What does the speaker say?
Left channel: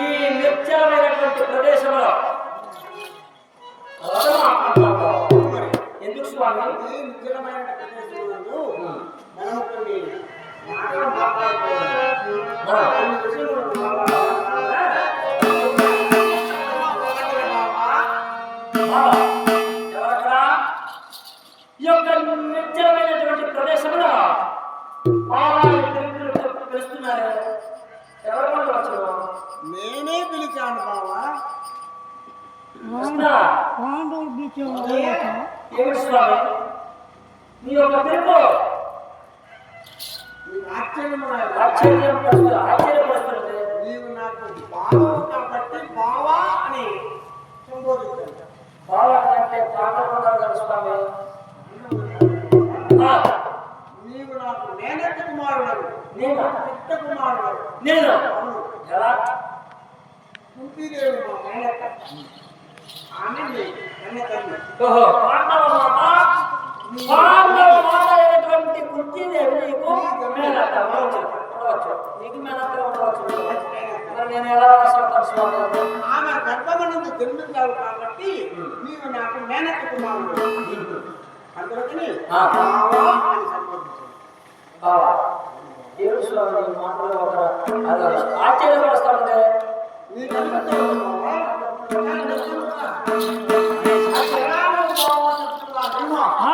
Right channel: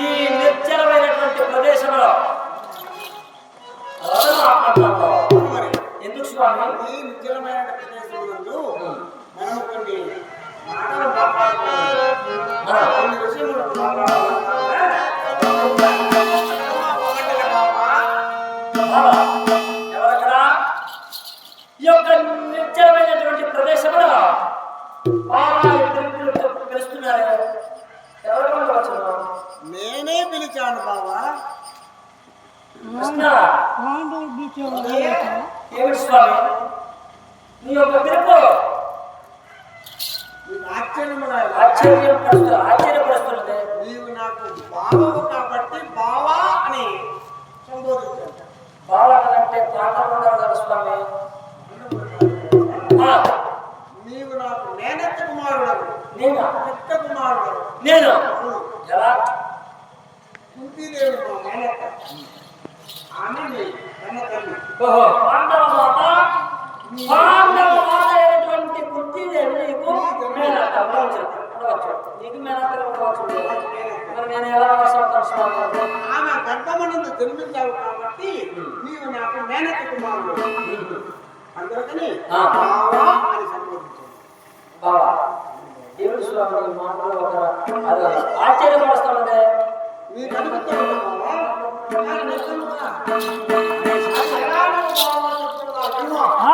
ఈ నిర్జలమైనటువంటి ప్రదేశంలో రథం ఆపంటావు మరి ఎందుకు స్వామి? ఈ నిర్జలమైన ప్రదేశంలో మనం కొన్ని మాటలు మాట్లాడుకోవాలి, కొన్ని విషయాలు ఎవరక్కడ ఈ యొక్క నిర్జలమైనటువంటి ప్రదేశంలో పిలుస్తున్నారు? ఎవరు వచ్చారు? నేనే పిలిచాను బావా. ఏమిటి స్వామి నీ యొక్క పిలుపు? ఆశ్చర్యపరుస్తున్నది. నీవు నాకు బావవు కాబట్టి బావా అని సంబోధించాను. బావా అంటే పాట ఉంటారు స్వామి. నీవు నాకు మేనత్త కుమారుడు. నేను పెద్ద కుమారుడు. నేను ఎలా? కుంతీదేవి మా మేనత్త. ఆమె కన్న తల్లి. ఓహో, పాండవ మాత అయినటువంటి కుంతీదేవి నీకు మేనత్త ఉండవచ్చు. నీకు మేనత్తగా ఉండవచ్చు. మరి నేను ఎలా వస్తాను స్వామి? ఆమె గర్భమనందు జన్మించావు కాబట్టి నీవు నాకు మేనత్త కుమారుడు. అందుకని బావా అని సంబోధించాను. బావా దేవుడు స్వామి మాటలో ఒక ఆశ్చర్యపరుస్తాడే. నీకు అడుగుతావు బావా. ఆ